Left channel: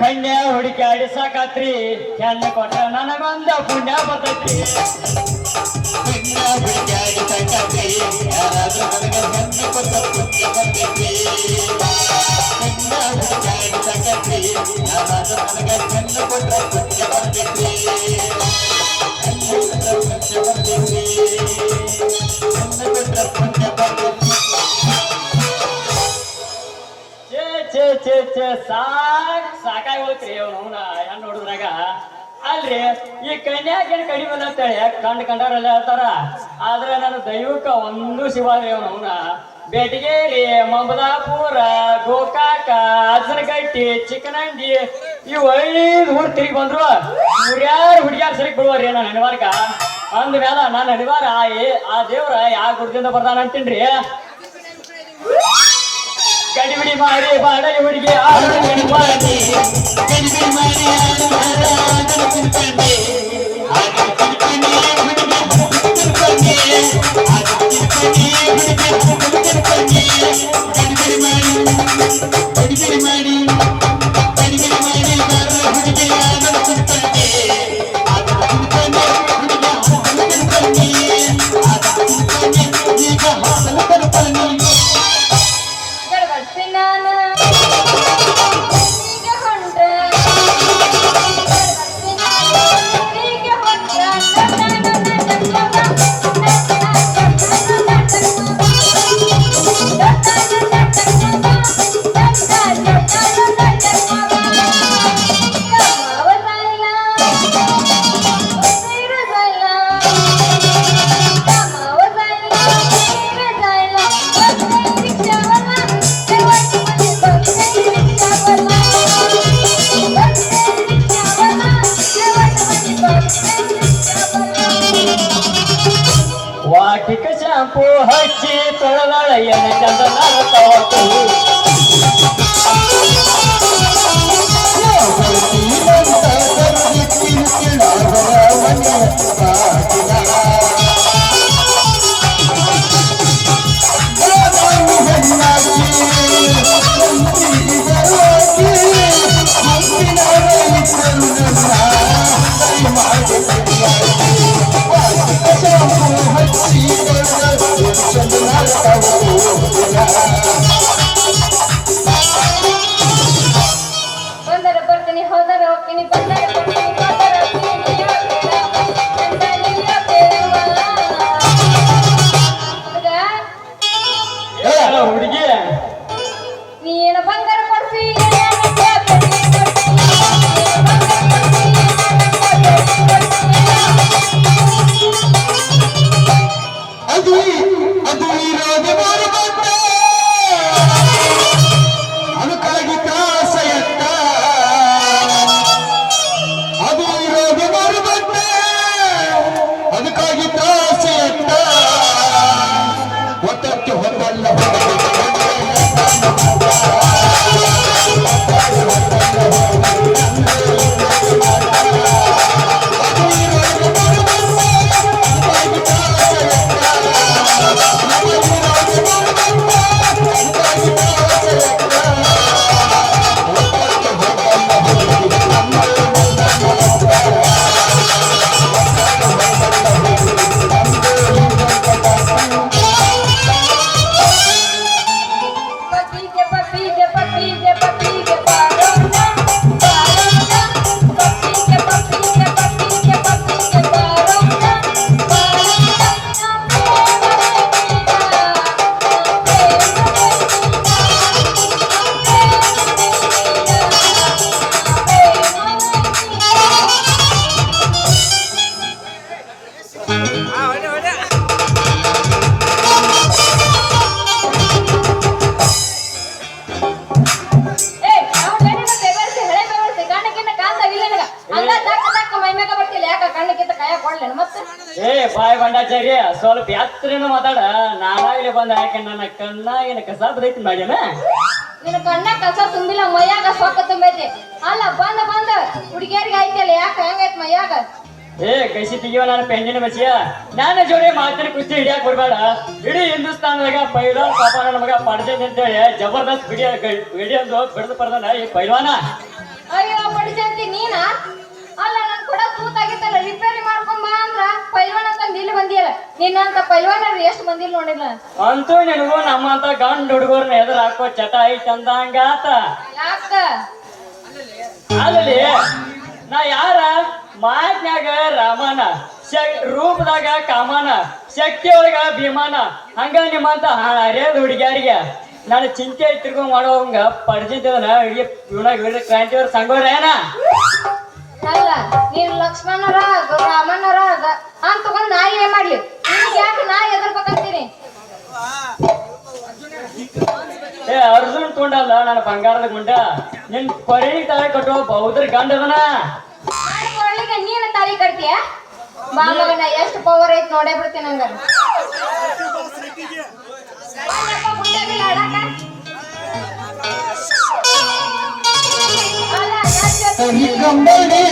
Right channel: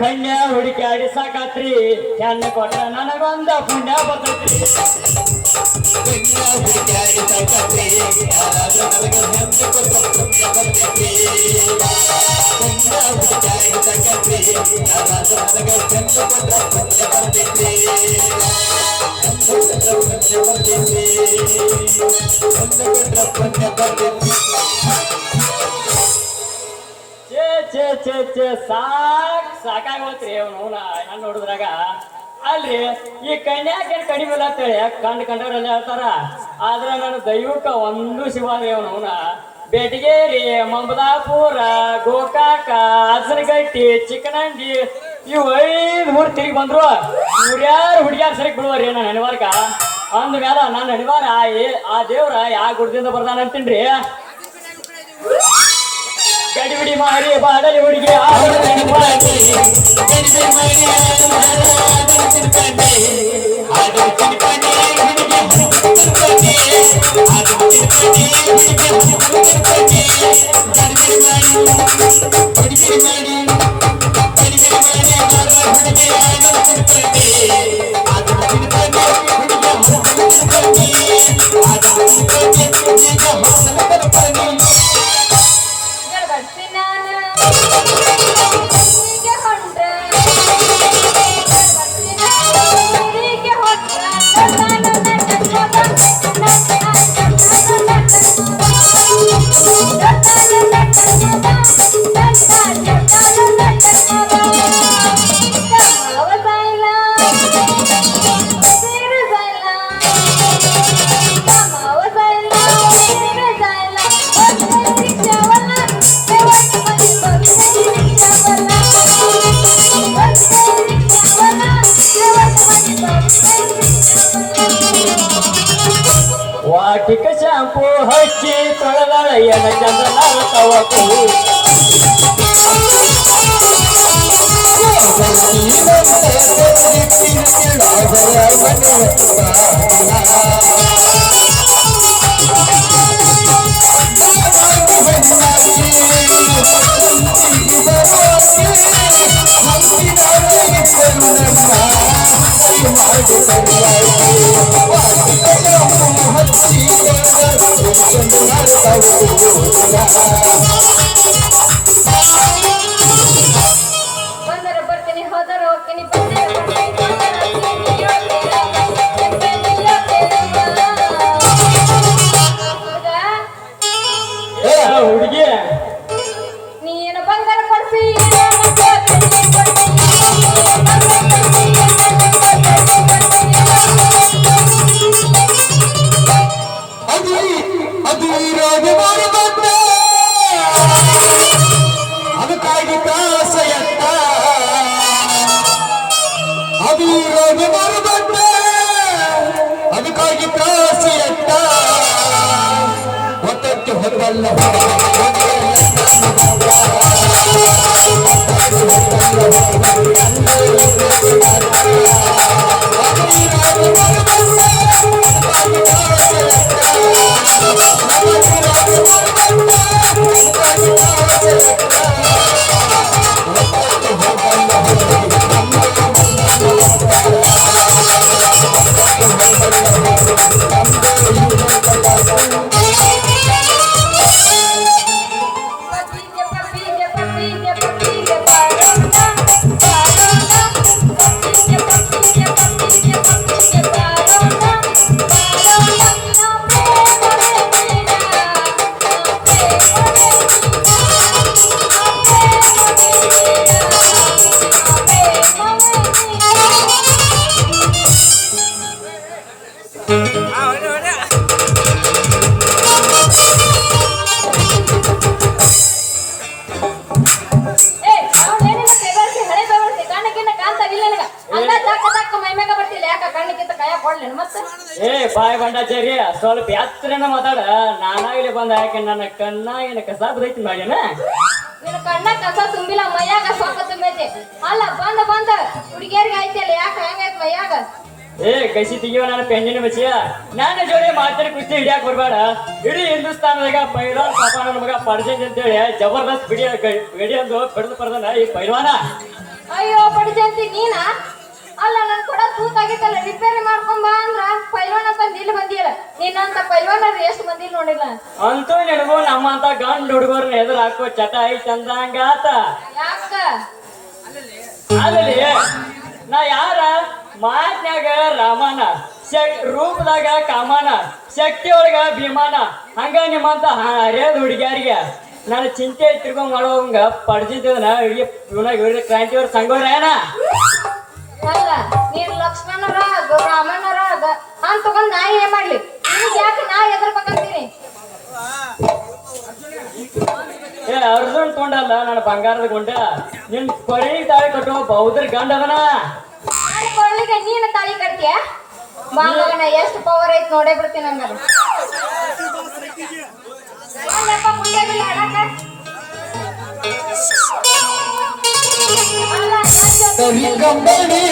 ಕನ್ಯಾ ಹುಡುಕಾಡಿ ಸಾಕಾತ್ರಿ ಹೆಣ್ಣು ಕೊಟ್ಟ ನನಗೊಂದು ಪುಣ್ಯ ಬರ್ತೈತ್ರಿ. ಕನ್ಯಾ ಹುಡುಕಾಡಿ ಸಾಕಾತ್ರಿ ಯಾರಾದ್ರೂ ನನಗೆ ಹೆಣ್ಣು ಕೊಟ್ಟ ಪುಣ್ಯ ಬರ್ತೈತಿ. ಕನ್ಯಾ ಹುಡುಕಾಡಿ ಸಾಕಾತ್ರಿ ಯಾರಾದ್ರೂ ನನಗೆ ಹೆಣ್ಣು ಕೊಟ್ಟ ಪುಣ್ಯ ಬರ್ತೈತಿ. ಹೆಣ್ಣು ಕೊಟ್ಟ ಪುಣ್ಯ ಬರ್ತೈತಿ. ಹೆಣ್ಣು ಕೊಟ್ಟ ಪುಣ್ಯ ಬರ್ತೈತಿ. ಸಾಕಾಗಿ ಹೋಗ್ರಿ ಅವನ ಹೆಂಗ್ ನೋಡಿದ್ರಾಗ ಅಲ್ರಿ. ಈ ಕನ್ಯಾಕೇನು ಕಡಿಮೆ ಅಂತೇಳಿ ಕಂಡವರೆಲ್ಲ ಹೇಳ್ತಾರ. ಆದ್ರೆ ನನ್ನ ದೈವಕ್ಕ ಒಂದು ಶಿವಾರಿ ಅವನ ಬೆಟಗೇರಿ, ಮಮದಾಪುರ, ಗೋಕಾಕ, ಹಸರಗಟ್ಟಿ, ಚಿಕ್ಕನಂದಿ ಇವು 5 ಊರು ತಿರುಗಿ ಬಂದ್ರು. ಇವ್ರ್ಯಾರು ಹುಡುಗಿಯಾರು ಸರಿ ಬಿಡುವರಿ ನನ್ನ ಹಣಿವಾರ್ಕ. ಅಂದ ಮೇಲೆ ನನ್ನ ಹಣಿವಾರ ಆ ದೇವ್ರ ಯಾವ ಗುಡ್ದಿಂದ ಬರ್ದಾನ ಅಂತೀನ್ರಿ. ಗಡಿಬಿಡಿ ಮಾಡಿ ಬಾಡಲಿ ಹುಡುಗಿ ವಾಟಿಕ ಶಾಂಪು ಹಚ್ಚಿ ತೊಳೆದಳೆಯನ ಚಂದನ ತವತು ಹುಡುಗಿ ನೀನು ಬಂಗಾರ ಕೊಡ್ಸಿ ಅದಕ್ಕಾಗಿ ತ್ರಾಸೆಯತ್ತ ಅದು ಇರೋದು ಬರುತ್ತ ಅದಕ್ಕಾಗಿ ತ್ರಾಸೆಯತ್ತ ಹೊತ್ತಕ್ಕೆ ಹೊತ್ತಲ್ಲ ಬಾಯ್ ಬಂಡಾಚಾರ್ಯ ಸ್ವಲ್ಪ ಎತ್ತರನ ಮಾತಾಡ. ನಾನಾಗ್ಲಿ ಬಂದ ಯಾಕೆ ನನ್ನ ಕಣ್ಣ ಏನು ಕಸ ಬೈತಿ ಮಾಡ್ಯಾನ. ನಿನ್ನ ಕಣ್ಣ ಕಸ ತುಂಬಿಲ್ಲ, ಮೈಯಾಗ ಸೊಕ್ಕ ತುಂಬೈತಿ. ಅಲ್ಲ ಬಂದ ಹುಡುಗಿಯರಿಗೆ ಐತಿಲ್ಲ, ಯಾಕೆ ಹಂಗೈತ್ ಮೈಯಾಗ? ಕಸಿ ತೆಗಿಯೋ ನನ್ನ ಪೆಂಜಿನ ಬಸಿಯ. ನನ್ನ ಜೋಡಿ ಮಾತಾಡಿ ಕುಸ್ತಿ ಹಿಡಿಯಾಕ ಬರ್ಬೇಡ. ಇಡೀ ಹಿಂದೂಸ್ತಾನದಾಗ ಪೈಲ್ವಾನ್ ಪಾಪ ನನ್ನ ಮಗ ಪಡ್ದೇನ್ ಅಂತೇಳಿ ಜಬರ್ದಸ್ತ್ ಬಿಡಿಯೋದು ಬಿಡಿದು ಪಡ್ದಾನ ಈ ಪೈಲ್ವಾನ. ಅಯ್ಯೋ ಪಡಿಜಂತಿ ನೀನಾ? ಅಲ್ಲ ನನ್ ಕೂಡ ತೂತಾಗಿತ್ತಲ್ಲ ರಿಪೇರಿ ಮಾಡ್ಕೊಂಡ್ ಬಾ ಅಂದ್ರ ಪೈಲ್ವಾನ್ ಅಂತ ಇಲ್ಲಿ ಬಂದಿಯಲ್ಲ. ನಿನ್ನಂತ ಪೈಲ್ವಾನರು ಎಷ್ಟು ಮಂದಿ ನೋಡಿಲ್ಲ. ಅಂತೂ ನಿನಗೂ ನಮ್ಮಂತ ಗಂಡ್ ಹುಡುಗರ್ನ ಎದುರು ಹಾಕೋ ಚಟ ಐತಿ ಅಂದಂಗಾತ. ಯಾಕ? ಅಲ್ಲಿ ನಾ ಯಾರ ಮಾತ್ನ್ಯಾಗ ರಾಮನ, ರೂಪದಾಗ ಕಾಮನ, ಶಕ್ತಿ ಒಳಗ ಭೀಮನ, ಹಂಗ ನಿಮ್ಮಂತ ಹರಿಯದ ಹುಡುಗಿಯಾರಿಗೆ ನಾನು ಚಿಂತೆ ತಿರ್ಕೊಂಡ್ ಮಾಡೋವಂಗ ಪಡ್ಜಿದ್ದವನ ಇವನಾಗ ಕ್ರಾಂತಿಯವ್ರ ಸಂಗೋರೇನ. ಅಲ್ಲ ನೀನ್ ಲಕ್ಷ್ಮಣರ ರಾಮಣ್ಣರ ಅಂತ ತಗೊಂಡ್ ನಾ ಏನ್ ಮಾಡ್ಲಿ? ನಿಮ್ಗೆ ಯಾಕೆ ನಾ ಎದರ್ಬೇಕಂತೀನಿ? ಏ ಅರ್ಜುನ್ ತೊಂಡಲ್ಲ ನನ್ನ ಬಂಗಾರದ ಗುಂಡ, ನಿನ್ ಕೊರಿ ತಾಳಿ ಕಟ್ಟುವ ಬೌದ್ಧ ಗಂಡ ಅದನ. ಕೊಳ್ಳಿಗೆ ನೀನು ತಾಳಿ ಕಟ್ತೀಯ? ಮಾಮಗನ ಎಷ್ಟು ಪವರ್ ಐತಿ ನೋಡೇ ಬಿಡ್ತೀನಿ ಹಂಗಾರ. ವಿಡಂಬನೆ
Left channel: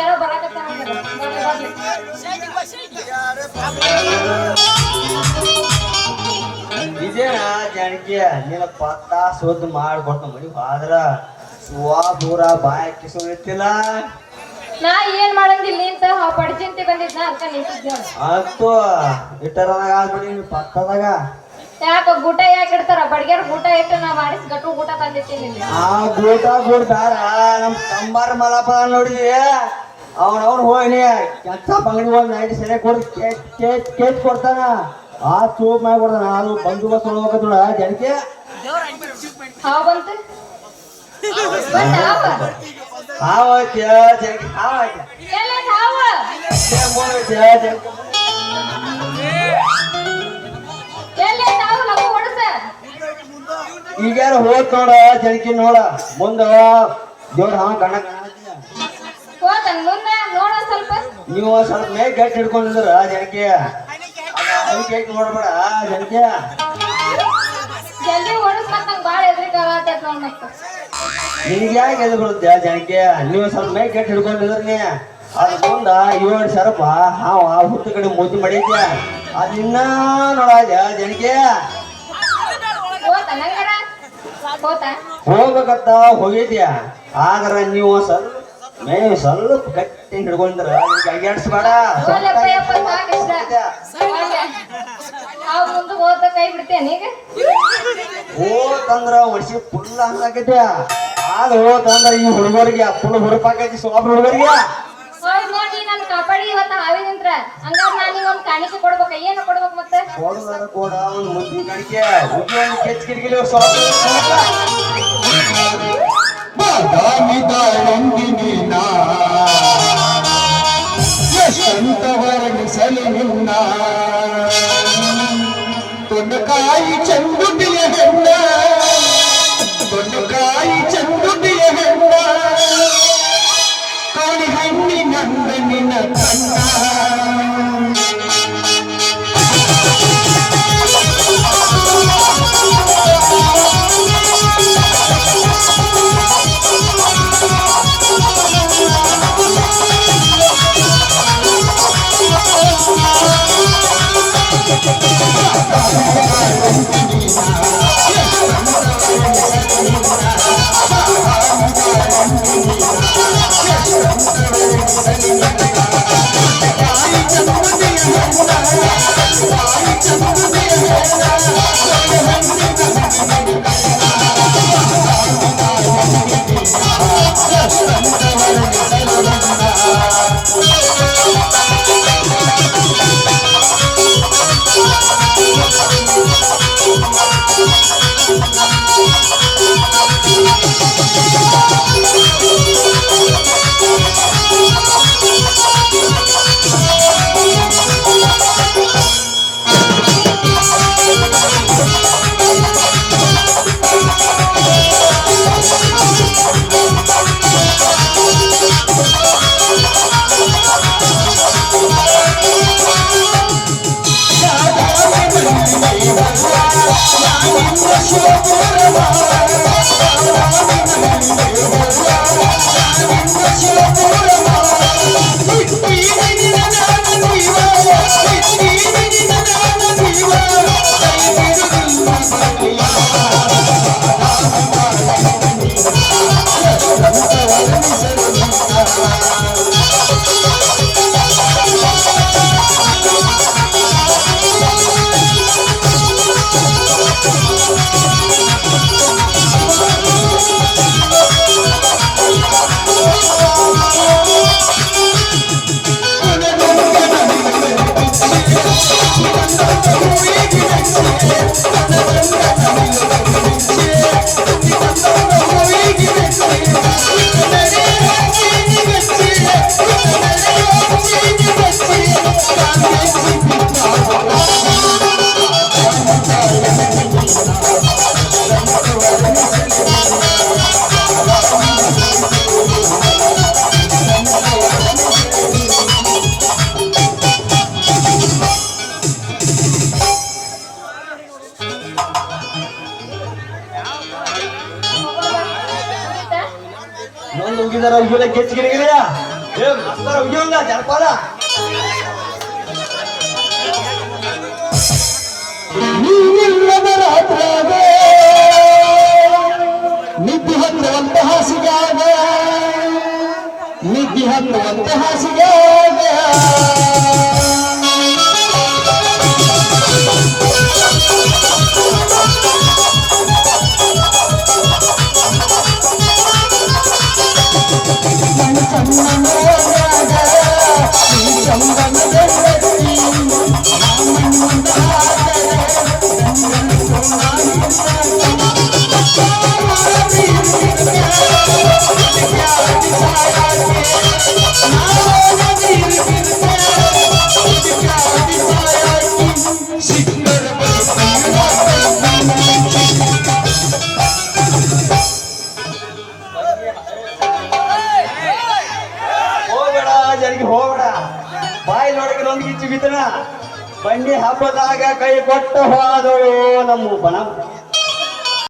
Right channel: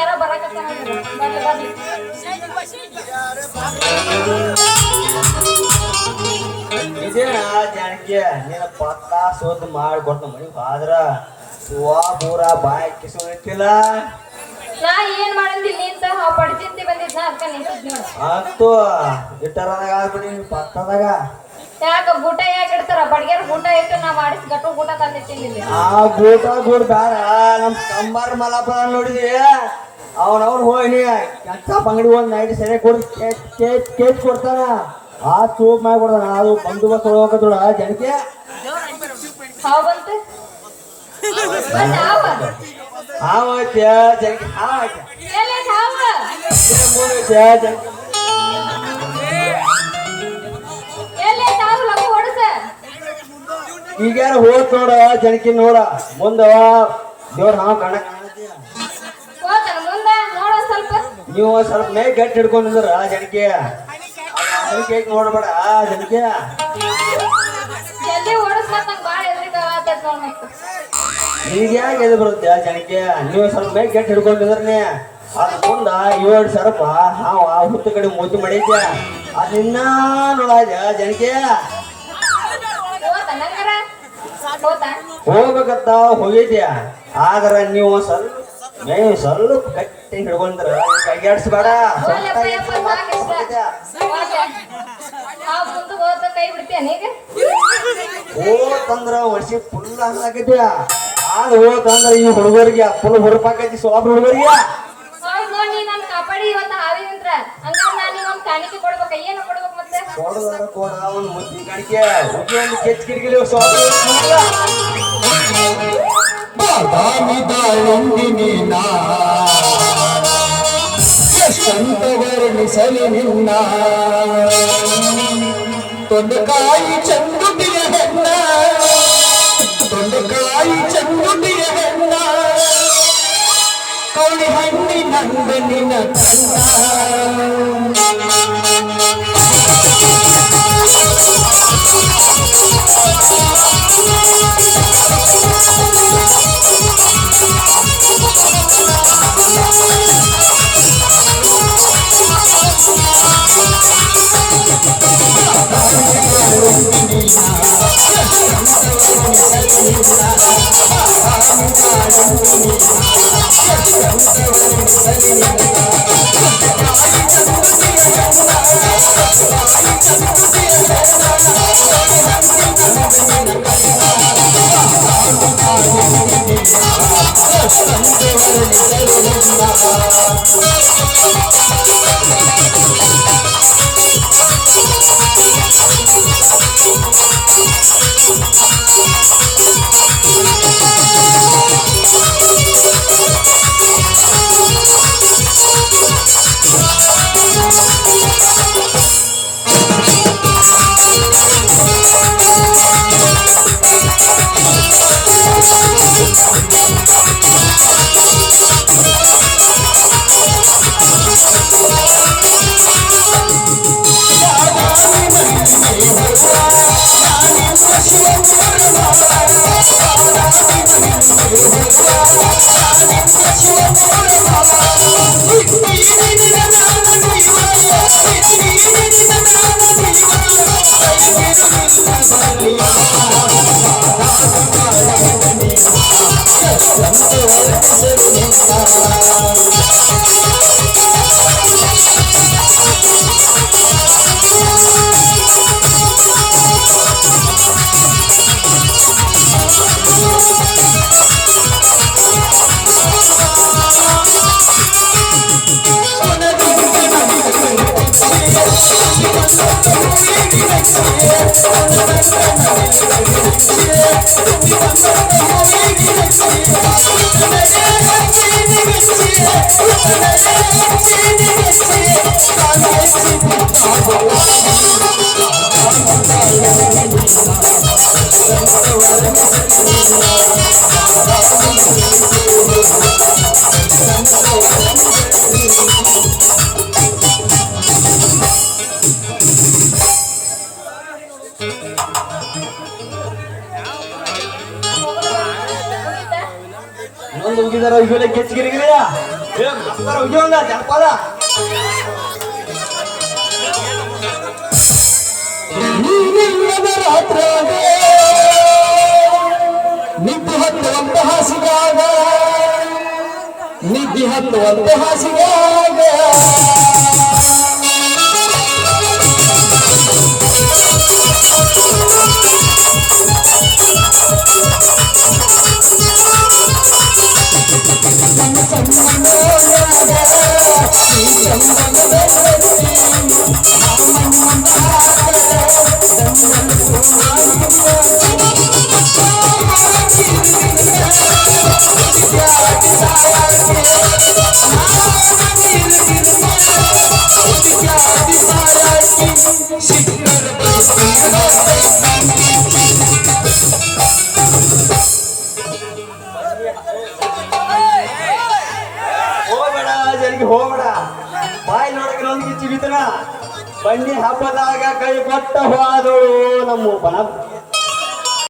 ಯಾರೋ ಬರಾಕತ್ತಾನ ಬರ್ಲಿ ಬರ್ಲಿ. ಇದೇನ ಜಾನಕಿ ನೀನು ಪತ್ತ ಸುದ್ದಿ ಮಾಡ್ಕೊಟ್ಟು ಮನಿ ಆದ್ರ ಸುವಾ ಪೂರ ಬಾಯ್ ಕಿಸುತ್ತಿಲ್ಲ. ನಾ ಏನ್ ಮಾಡಂದಿಲ್ಲ ಅಂತ ಪಡ್ಜಿಂತಿ ಬಂದಿದ್ನ ಅದಕ್ಕ ನಿಂತಿದ್ ನೋಡು. ಅಂತೂ ಇಟ್ಟರದಾಗ ಆಗ್ಬಿಡಿ ನೀನು ಪತ್ತದಾಗ. ಯಾಕ ಊಟ ಯಾಕೆ ಇಡ್ತಾರ? ಬಡ್ಗ್ಯಾರ ಊಟ ಇಟ್ಟು ನಾ ಮಾಡಿಸ್ ಗಟ್ಟು ಊಟ ತಂದಿರ್ತೀನಿ ಇಲ್ಲಿ. ಆ ಗೂಟ ಗೂಡ್ ಬೇಡ ನಮ್ ಕಂಬಾರ ಮಲಪ ನೋಡಿದಿ ಅವನವನ್ ಹೋಗಿ ಕೆಟ್ಟ ಅಂಗಡಿ ಹೋಗಿ ನೈಟ್ ಸರಿ ಕೊಡಿ ಕೇಟ್ ಕೊಡ್ತಾನ. ಆ ಚೂಪ್ ಮಾಡ್ಬಿಡ್ತಾನ. ಅದು ಬಂದೋಬಸ್ತ್ ಹೋಗೋದ್ರ ಜನಕ್ಕೆ ಹಾವು ಬಂತು ಬಂದ ಹಾವು. ಹಾವೈತೆ ಜನಕ್ಕೆ ಹಾವೈತೆ ಎಲ್ಲಿ ಹಾವು? ಎಲ್ಲಿ ಹಾವು? ಲಗು ಹೊಡ್ಸ. ಈಗ್ಯಾರ ಹೋಗ್ ನೋಡ ಜನಕಿ ನೋಡ ಮುಂದ ದೇವ್ರ ಹಾವ ಕಣ ಹೋತನ ಮುಂದ ನೋಡ ಸ್ವಲ್ಪ. ನೀವು ಸ್ವಲ್ಪ ಮೇ ಗಟ್ಟಿ ಹಿಡ್ಕೊಂಡಿದ್ರ ಜನಕ್ಕೆ ನೋಡ್ಬೇಡ ಜನಕ್ಕೆ. ಜಲ್ದಿ ಓಡಿಸ್ಲಕ್ಕ ನಂಗೆ ಭಾಳ ಎದ್ರಿಕ ಆಗತ್ತೈತ್ ನೋಡ್ ಮತ್ತೆ. ನಿನ್ಗೆ ಯಾಕೆ ಎದು ಬರುತ್ತೆ ಜನಕ್ಕೆ? ನೀವು ಸ್ವಲ್ಪ ಮೇ ಗಟ್ಟಿ ಹಿಡ್ಕೊಂಡಿದ್ರಿ ಅದ್ ಮುಂದ 7 ಸರ್ಪ ಹಾವ ಹುತ್ತು ಕಡೆ ಮುದ್ದು ಮಾಡಿದ್ಯ ಅದ್ ನಿನ್ನ ನೋಡ ಜನಕ್ಕೆ. ಹೋತನ ಹಂಗಾರ? ಹೋತಾ ಹೋಗ್ಬೇಕಂತ ಹೋಗಿದ್ಯಾ ಆದ್ರ ನೀವು ಸ್ವಲ್ಪ ಗಟ್ಟಿ ಹಿಡ್ಕೊಂಡ್ರ ಅಗ್ಯಾಡ್ಸ್ಬೇಡ ಒಳ್ಳೆಪ್ಪ ಸಾಕಿಷ್ಟ ನಾವು ಮುಂದೆ ಹೋದ ಕೈ ಬಿಡ್ತೇನೆ ಈಗ ಹೋತಂದ್ರ ವರ್ಷಿ ಫುಲ್ ಹಂಗಾಕೈತ್ಯಾ ಆಗ ಹೋತಂದ್ರ ಈ ಹುಡುಗರಿಗೆ ಫುಲ್ ಹುರುಪಾಕೈತಿ ಸೋಬ್ ಹುಡುಗರಿಗೆ ಹೋಯ್ ನೋಡಿ ನೀ ನನ್ ಕಾಪಾಡಿ ಇವತ್ತ ಹಾವಿನಿಂತ್ರ ಹಂಗಾರ ನಾನು ನಿಗೊಂದು ಕಾಣಿಕೆ ಕೊಡ್ಬೇಕ ಏನು ಕೊಡ್ಬೇಕು ಮತ್ತೆ ಕೊಡುವಾಗ ಕೊಡ ಅವ್ನು ಮುದ್ದಿನ ಕಾಣಿಕೆ ಮುದ್ದಿನ ಕೆಚ್ ಕಿರಿಕಿರಿ ಸೋಬ್ ಬಾದಾಮಿದಾಳಂದಿನ ಎಷ್ಟಂತ ವರ್ಣಿಸಲಿ ನಿನ್ನ ತೊಂಡಕಾಯಿ ಚಂದುಟಿಯ ಹೆಣ್ಣ ತೊಂಡಕಾಯಿ ಚಂದುಟಿಯ ಹೆಣ್ಣ ಕೌಳಿ ಹಣ್ಣಿನಂದ ನಿನ್ನ ಕಣ್ಣ ಇನ್ನೊಂದು ಉಗಿದಾರ ಉಗಿಲ ಕೆಚ್ ಕಿರಿಗಿರಿಯ ಉಗಿಯೋಂಗ ಜನಪದ ನೀನಿಲ್ಲದ ರಾತ್ರಾಗ ನಿದ್ದೆ ಹತ್ತುವಂತ ಹಾಸಿಗಾಗ ನಿದ್ದೆ ಹತ್ತುವಂತ ಹಾಸಿಗಾಗ ಹೋಗ್ಬೇಡ ಜಲ್ದಿ ಹೋಗ್ಬೇಡ ಬಾಯಿ ನೋಡಕ್ಕೆ ನೊಂದಿಗೆ ಚಿಗಿತನ ಬಂಡಿ ಹಬ್ಬದಾಗ ಕೈ ಕೊಟ್ಟ ಹೋದವು ನಮ್ಮ ಬನ